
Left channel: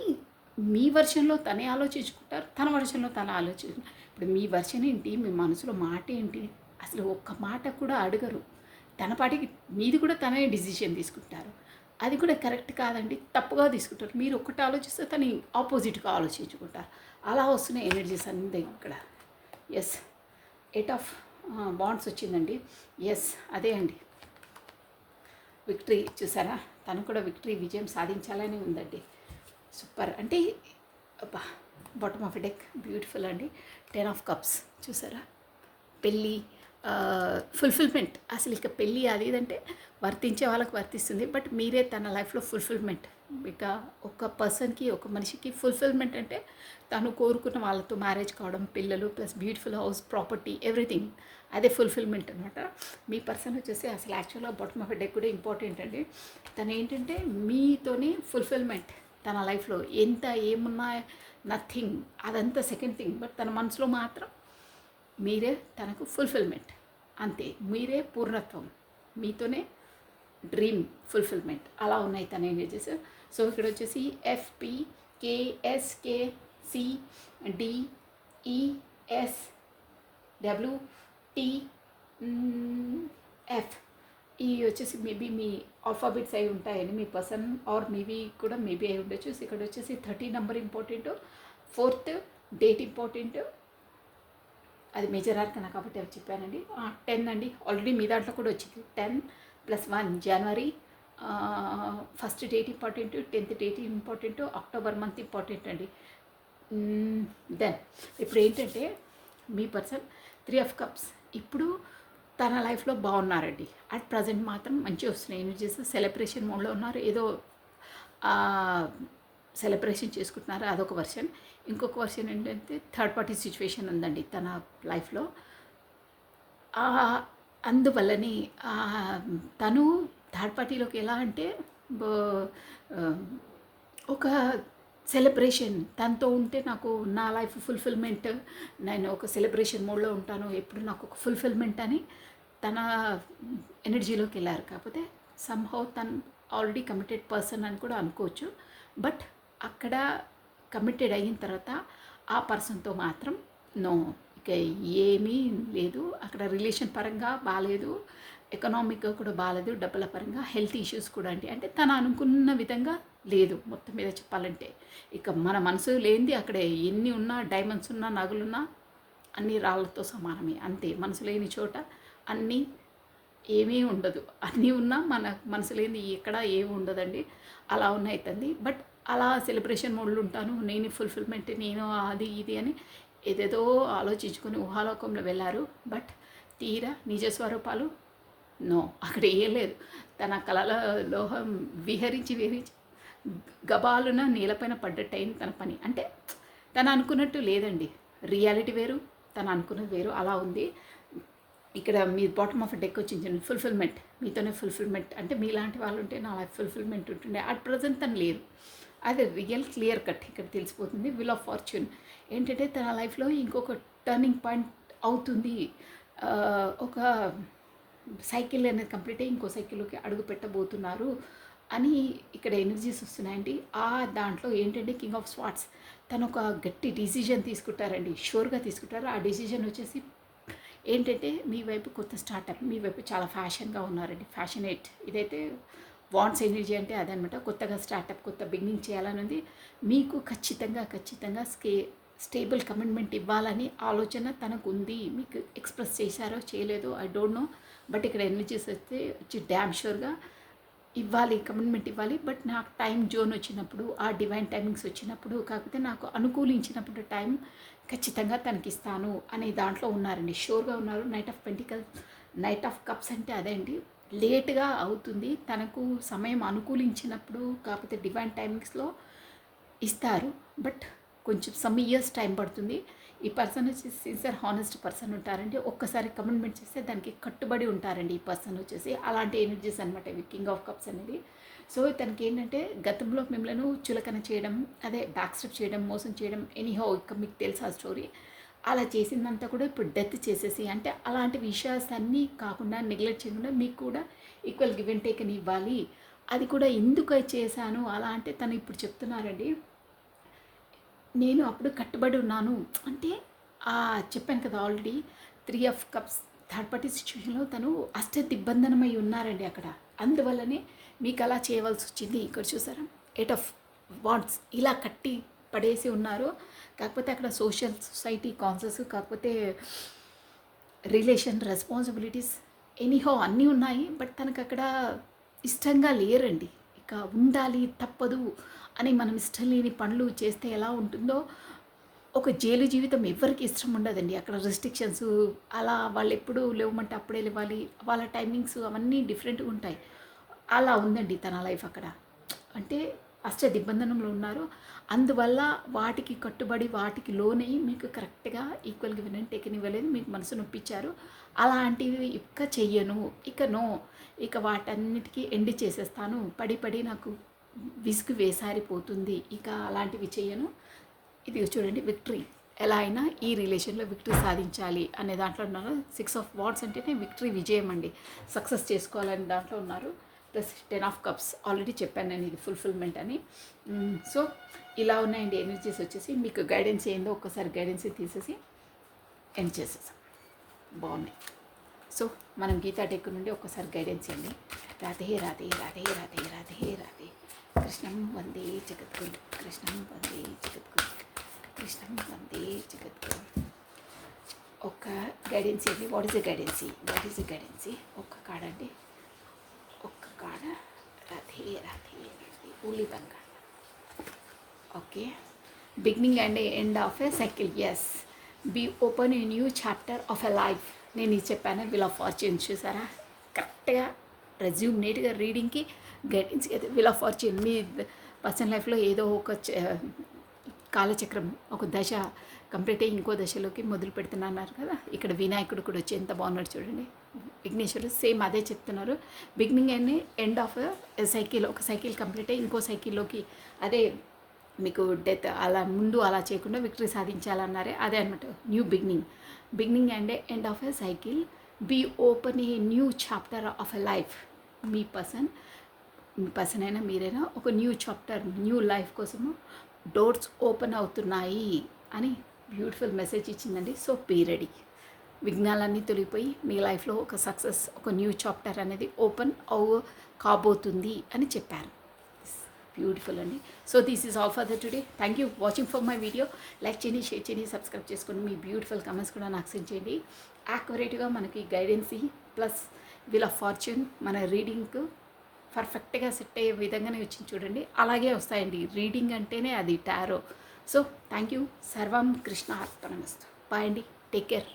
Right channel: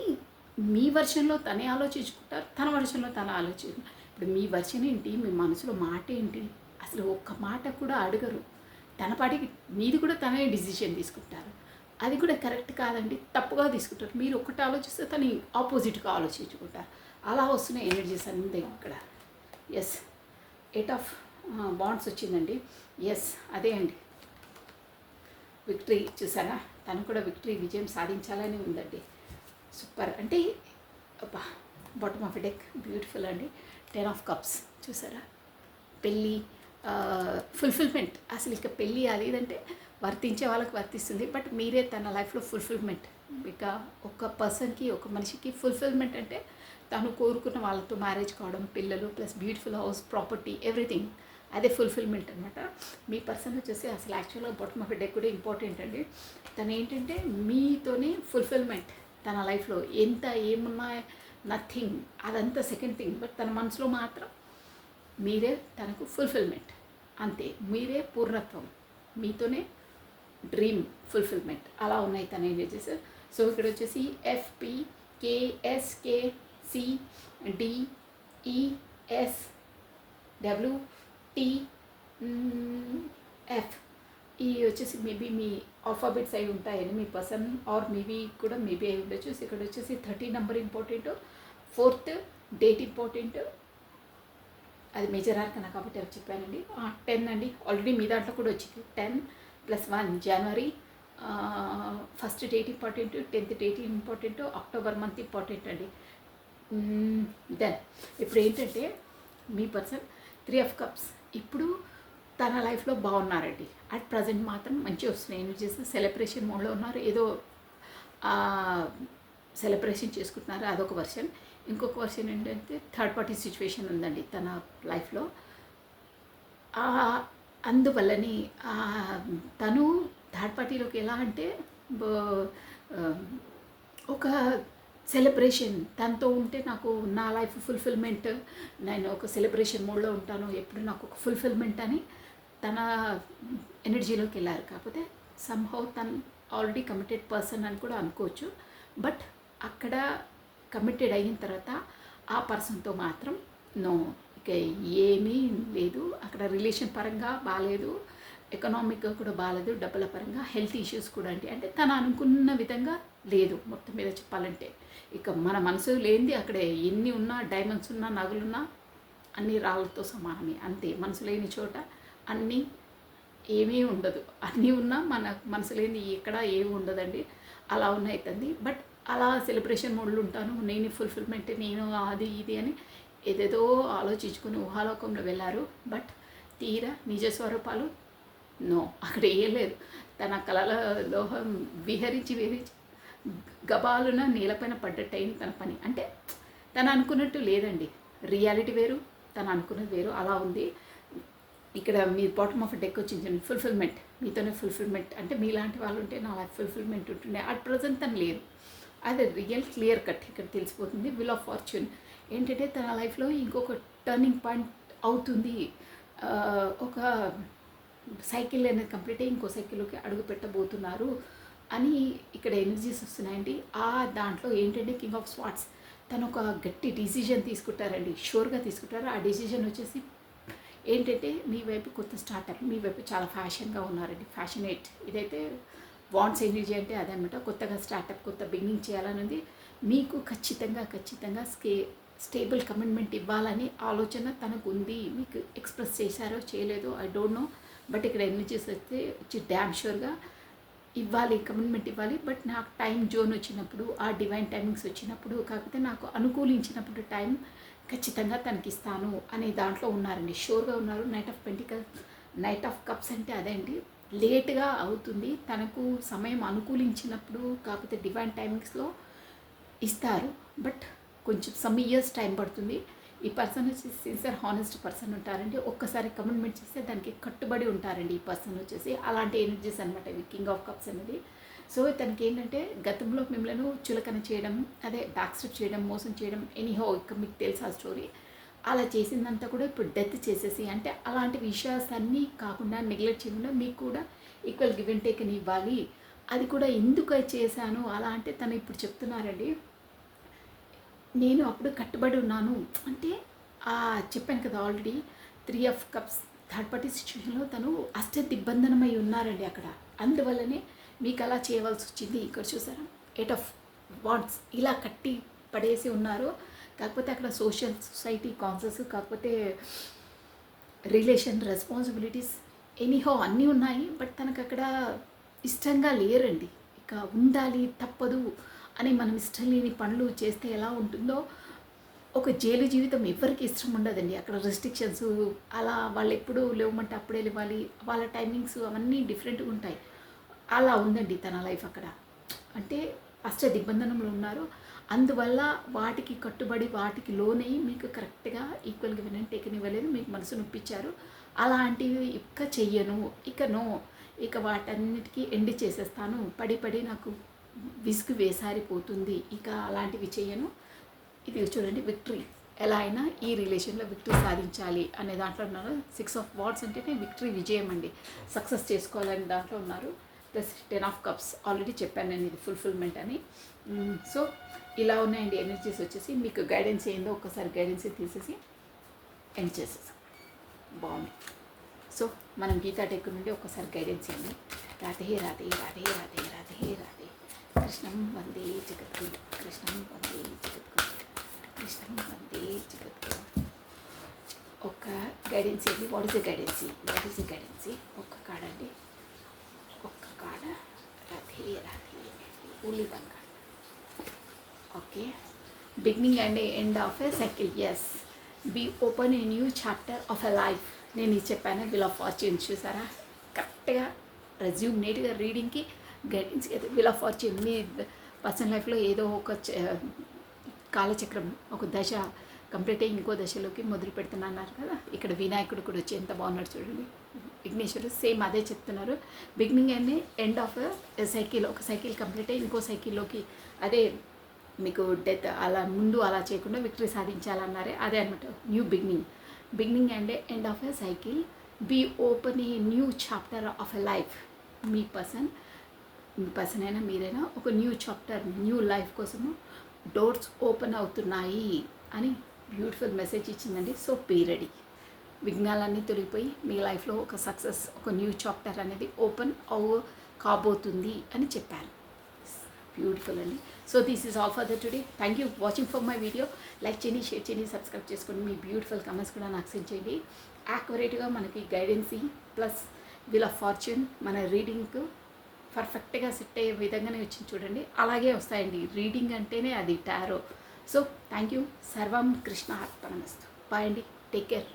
మీ వర్షన్లో తనే ఆలోచించుకుంటారు, తన వర్షన్లో తను ఆలోచించుకుంటారు. ఇప్పుడు మీ వర్షన్ ఏంటి, మీ మనసులో మాట ఏంటి, అసలు ఒక్క మాట కూడా అడగరు. తన పాటికి మీది కూడా తనే డిసిషన్ తీసుకుంటారు. అది కూడా కరెక్ట్ కాదండి, తప్పుగా తీసుకుంటారు. మీరు ఒక్కటి ఆలోచిస్తే తను ఆపోజిట్గా ఆలోచించుకుంటారు. అలా వస్తున్న ఎనర్జీస్ అంతే ఇక్కడ. ఎస్, 8 of Wands వచ్చిందండి. ఎస్, అదే అండి, విక్టరీ. చూసారా, తను కూడా విక్టరీ, విజయం సాధించాలని ఉందండి. సూపర్. అంటే బాటమ్ ఆఫ్ డెక్ బ్యూటిఫుల్ అండి. 10 of Cups చూసారా, పెళ్ళి, ఫుల్ఫిల్మెంట్. అసలు ఇక పెళ్ళి అదేదంటే వర్తించే వాళ్ళకి వర్తిస్తుంది, బట్ మీరే తన లైఫ్లో ఫుల్ఫిల్మెంట్. ఇక ఒక పర్సన్కి, ఒక మనిషికి ఫుల్ఫిల్మెంట్ అంటే తను కోరుకున్న వాళ్ళతో మ్యారేజ్ కావడం, పిల్లలు, plus beautiful house, property, everything. అదే ఫుల్ఫిల్మెంట్ అనమాట. మీ పర్సన్ వచ్చేసి అసలు యాక్చువల్గా బాటమ్ ఆఫ్ డెక్ కూడా ఇంపార్టెంట్ అండి. తను ఏంటంటే మీతోనే ఫుల్ఫిల్మెంట్, తన లైఫ్లో ఎంత ఏమున్నా నథింగ్, అదంతా సెకండ్ థింగ్. బట్ తన మనసులో మాత్రం మీరే తనకు ఫుల్ఫిల్మెంట్, అంతే. మీరే పూర్ణత్వం, మీతోనే డ్రీమ్ ఫుల్ఫిల్మెంట్, అలా ఉన్నాయి తన ఎనర్జీస్. సో ఇక్కడ వచ్చేసి ఎఫ్పి కేఎస్కే సిడిఈఎస్ డబ్ల్యూటిఎఫ్, ఈ వచ్చేసి మేబీ మీ ఆల్ఫాబెట్స్ అయి ఉంటాయని మీ పర్సన్, ఆర్ మేబీ కూడా మేబీ అయి ఉండొచ్చు. ఇక్కడ వచ్చేసి 30 number important, 4th date important, అది మేజర్ ఆర్కనా కాబట్టి అవి చెప్పానండి. 10 అండి, ఆల్రెడీ మీ దాంట్లో కూడా వచ్చింది. 10+1 జనవరి, 1st date important, 10th date important, October month important అండి. దెన్ ఇప్పుడు ఏంటంటే మీ పర్సన్ 3 ఆఫ్ కప్స్ ఇప్పుడు తన లైఫ్లో బాగున్నారండి. అట్ ప్రజెంట్ మాత్రం మంచిగా వస్తున్నాయి ఎనర్జీస్. సెలబ్రేషన్ మోడ్లో ఉన్నారు, ఏదో సెలబ్రేషన్ చేసుకుంటున్నారు, అదొక వర్షన్. ఇంకొక వర్షన్ ఏంటంటే థర్డ్ పార్టీ సిచ్యువేషన్ ఉందండి తన లైఫ్లో. అందువల్లని తను థర్డ్ పార్టీలోకి ఎలా అంటే ఒక సెలబ్రేషన్, తనతో ఉంటే నాకు నా లైఫ్ ఫుల్ఫిల్మెంట్, నేను ఒక సెలబ్రేషన్ మోడ్లో ఉంటాను, ఎప్పుడు నాకు ఒక ఫుల్ఫిల్మెంట్ అని తన ఎనర్జీలోకి వెళ్ళారు. కాకపోతే సమ్హౌ తను ఆల్రెడీ కమిటెడ్ పర్సన్ అని కూడా అనుకోవచ్చు. బట్ అక్కడ కమిటెడ్ అయిన తర్వాత ఆ పర్సన్తో మాత్రం నో, ఇక ఏమీ లేదు. అక్కడ రిలేషన్ పరంగా బాగాలేదు, ఎకనామిక్గా కూడా బాగాలేదు, డబ్బుల పరంగా, హెల్త్ ఇష్యూస్ కూడా అంటే తను అనుకున్న విధంగా లేదు. మొత్తం మీద చెప్పాలంటే ఇక మన మనసు లేనిది అక్కడ ఎన్ని ఉన్నా, డైమండ్స్ ఉన్నా, నగలున్నా అన్ని రాళ్ళతో సమానమే, అంతే. మనసు లేని చోట అన్నీ ఏమీ ఉండదు, అన్నీ ఉన్నా మన మనసు లేని ఎక్కడ ఏమి ఉండదండి. అలా ఉన్నాయి తంది. బట్ అలా సెలబ్రేషన్ మోడ్లో ఉంటాను, నేను ఫుల్ఫిల్మెంట్, నేను అది ఇది అని ఏదేదో ఆలోచించుకొని ఊహాలోకంలో వెళ్ళారు. బట్ తీరా నిజ స్వరూపాలు నో, అక్కడ ఏం లేదు. తన కళల లోహం విహరించి గబాలున నేలపైన పడ్డట్టు అయింది తన పని. అంటే తను అనుకున్నట్టు లేదండి, రియాలిటీ వేరు, తను అనుకున్నది వేరు, అలా ఉంది. ఇక్కడ మీ బాటమ్ ఆఫ్ డెక్ వచ్చింది ఫుల్ఫిల్మెంట్, మీతోనే ఫుల్ఫిల్మెంట్. అంటే మీలాంటి వాళ్ళు ఉంటే నా లైఫ్ ఫుల్ఫిల్మెంట్ ఉంటుండే. అట్ ప్రజెంట్ తను లేదు, అది రియల్ క్లియర్ కట్ ఇక్కడ తెలిసిపోతుంది. విల్ ఆఫ్ ఫార్చ్యూన్ ఏంటంటే తన లైఫ్లో ఇంకొక టర్నింగ్ పాయింట్ అవుతుంది. ఒక సైకిల్ అనేది కంప్లీట్ అయ్యి ఇంకో సైకిల్లోకి అడుగు పెట్టబోతున్నారు అని ఇక్కడ ఎనర్జీస్ వస్తున్నాయండి. ఆ దాంట్లో ఏంటంటే కింగ్ ఆఫ్ స్వార్డ్స్, తను ఒక గట్టి డిసిజన్ తీసుకుంటారండి, షూర్గా తీసుకుంటారు. ఆ డిసిజన్ వచ్చేసి ఏంటంటే మీ వైపు కొత్త స్టార్టప్, మీ వైపు చాలా ఫ్యాషన్గా ఉన్నారండి, ఫ్యాషనేట్. ఇదైతే వాంట్స్ ఎనర్జీ అంటే అదనమాట. కొత్తగా స్టార్టప్, కొత్త బిగినింగ్ చేయాలన్నది మీకు ఖచ్చితంగా స్టేబుల్ కమిట్మెంట్ ఇవ్వాలని ఆలోచన తనకు ఉంది. మీకు ఎక్స్ప్రెస్ చేశారో చేయలేదో ఐ డోంట్ నో. బట్ ఇక్కడ ఎనర్జీస్ అయితే వచ్చి డ్యామ్ షూర్గా ఇవ్వాలి, కమిట్మెంట్ ఇవ్వాలి. బట్ నాకు టైం జోన్ వచ్చినప్పుడు, ఆ డివైన్ టైమింగ్స్ వచ్చినప్పుడు, కాకపోతే నాకు అనుకూలించినప్పుడు టైం ఖచ్చితంగా తనకిస్తాను అనే దాంట్లో ఉన్నారండి, షూర్గా ఉన్నారు. నైట్ ఆఫ్ కప్స్ అంటే అదే అండి, లేట్గా అవుతుంది. తనకు సమయం అనుకూలించినప్పుడు, కాకపోతే డివైన్ టైమింగ్స్లో ఇస్తారు. బట్ కొంచెం సమ్ ఇయర్స్ టైం పడుతుంది. ఈ పర్సన్ వచ్చేసి సిన్సియర్ హానెస్ట్ పర్సన్ ఉంటారండి. ఒక్కసారి కమిట్మెంట్ చేస్తే దానికి కట్టుబడి ఉంటారండి ఈ పర్సన్ వచ్చేసి. అలాంటి ఎనర్జీస్ అనమాట ఇవి కింగ్ ఆఫ్ కప్స్ అనేది. సో తనకి ఏంటంటే గతంలో మిమ్మల్ని చులకన చేయడం, అదే బ్యాక్ స్టెప్ చేయడం, మోసం చేయడం, ఎనీహౌ ఇక మీకు తెలుసు ఆ స్టోరీ. అలా చేసిందంతా కూడా ఇప్పుడు డెత్ చేసేసి, అంటే అలాంటి విషయాస్ అన్నీ కాకుండా నెగ్లెక్ట్ చేయకుండా మీకు కూడా ఈక్వల్ గివ్ అండ్ టేక్ అని ఇవ్వాలి. అది కూడా ఎందుకు చేశాను అలా అంటే తను ఇప్పుడు చెప్తున్నారండి, నేను అప్పుడు కట్టుబడి ఉన్నాను. అంటే చెప్పాను కదా already 3 of cups third party సిచ్యువేషన్లో తను దిగ్బంధనమై ఉన్నారండి అక్కడ. అందువల్లనే మీకు అలా చేయవలసి వచ్చింది. ఇక్కడ చూసారా 8 ఆఫ్ వాండ్స్ ఇలా కట్టి పడేసి ఉన్నారు. కాకపోతే అక్కడ సొసైటీ కాన్సెస్, కాకపోతే రిలేషన్ రెస్పాన్సిబిలిటీస్, ఎనీహో అన్నీ ఉన్నాయి. బట్ తనకు అక్కడ ఇష్టంగా లేరండి. ఇక ఉండాలి తప్పదు అని మనం ఇష్టం లేని పనులు చేస్తే ఎలా ఉంటుందో, ఒక జైలు జీవితం ఎవరికి ఇష్టం ఉండదండి. అక్కడ రెస్ట్రిక్షన్స్, అలా వాళ్ళు ఎప్పుడు లేవమంటే అప్పుడే లేవాలి, వాళ్ళ టైమింగ్స్ అవన్నీ డిఫరెంట్గా ఉంటాయి. అలా ఉందండి తన లైఫ్ అక్కడ. అంటే దిగ్బంధనంలో ఉన్నారు. అందువల్ల వాటికి కట్టుబడి, వాటికి లోనై మీకు కరెక్ట్గా ఈక్వల్గా వినంటే టేకన్ ఇవ్వలేదు, మీకు మనసు నొప్పించారు. అలాంటివి ఇక చెయ్యను, ఇక నో, ఇక వాటన్నిటికీ ఎండ్ చేసేస్తాను. పడి నాకు విసుగు వేసారిపోతుంది, ఇక అలాంటివి చేయను. ఇది చూడండి, విక్టరీ ఎలా అయినా ఈ రిలేషన్లో విక్టరీ సాధించాలి అనే దాంట్లో ఉన్నారు. 6 ఆఫ్ వార్డ్స్ అంటేనే విక్టరీ, విజయం అండి, సక్సెస్ చేసుకోవాలని దాంట్లో ఉన్నారు. ప్లస్ 10 ఆఫ్ కప్స్ ఆల్రెడీ చెప్పాను నేను, ఇది ఫుల్ఫిల్మెంట్ అని. సో ఇలా ఉన్నాయండి ఎనర్జీస్ వచ్చేసి. మీకు గైడెన్స్ ఏందో ఒక్కసారి గైడెన్స్ తీసేసి ఎండ్ చేసేసాం. బాగున్నాయి. సో మనం గీతా టెక్ నుండి ఒక్కసారి గైడెన్స్ ఇవ్వండి. రాధే రాధే రాధే రాధే రాధే రాధే, కృష్ణం వందే జగద్గురు, కృష్ణం వందే జగద్గురు, కృష్ణం వందే జగద్గురు. ఒక్క గైడెన్స్ ఇవ్వండి. What is the guidance? What is the guidance? ఒక్క కాడ అండి, ఒక్క కాడ. రాధే రాధే only one card. Okay, beginning and end of a cycle. Yes, be open a new chapter of a life. నేను ఇది చెప్పాను, వీల్ ఆఫ్ ఫార్చ్యూన్. చూసారా, కరెక్ట్గా రెజ్యూమ్ నీట్గా రీడింగ్కి గైడెన్స్. వీల్ ఆఫ్ ఫార్చ్యూన్ మీ పర్సనల్ లైఫ్లో ఏదో ఒక కాలచక్రం, ఒక దశ కంప్లీట్ అయ్యి ఇంకో దశలోకి మొదలు పెడుతున్నారు కదా. ఇక్కడ వినాయకుడు కూడా వచ్చి ఎంత బాగున్నాడు చూడండి, విఘ్నేశ్వరుడు. సేమ్ అదే చెప్తున్నారు, beginning and end of a cycle. ఒక సైకిల్ కంప్లీట్ అయ్యి ఇంకో సైకిల్లోకి, అదే మీకు డెత్ అలా ముందు అలా చేయకుండా విక్టరీ సాధించాలన్నారే, అదే అనమాట new beginning. Beginning and end of a cycle, be open a new chapter of a life. మీ పర్సన్ అయినా మీరైనా ఒక న్యూ చాప్టర్, న్యూ లైఫ్ కోసము డోర్స్ ఓపెన్ అవుతున్నాయి అని బ్యూటిఫుల్ మెసేజ్ ఇచ్చిందండి. So be ready. విఘ్నాలన్నీ తొలగిపోయి మీ లైఫ్లో ఒక సక్సెస్, ఒక న్యూ చాప్టర్ అనేది ఓపెన్ కాబోతుంది అని చెప్పారు. బ్యూటిఫుల్ అండి. So this is all for the today. Thank you watching for my video. Like చేయండి, షేర్ చేయండి, సబ్స్క్రైబ్ చేసుకోండి. మీ బ్యూటిఫుల్ కమెంట్స్ కూడా నాకు సెండ్ చేయండి. యాక్యురేట్గా మనకి guidance plus wheel of fortune మన రీడింగ్కు పర్ఫెక్ట్గా సెట్ అయ్యే విధంగానే వచ్చింది చూడండి. అలాగే వస్తాయండి, రీడింగ్ అంటేనే అది టారో. So thank you. సర్వం కృష్ణ అర్పణమస్తు. బాయ్ అండి, టేక్ కేర్.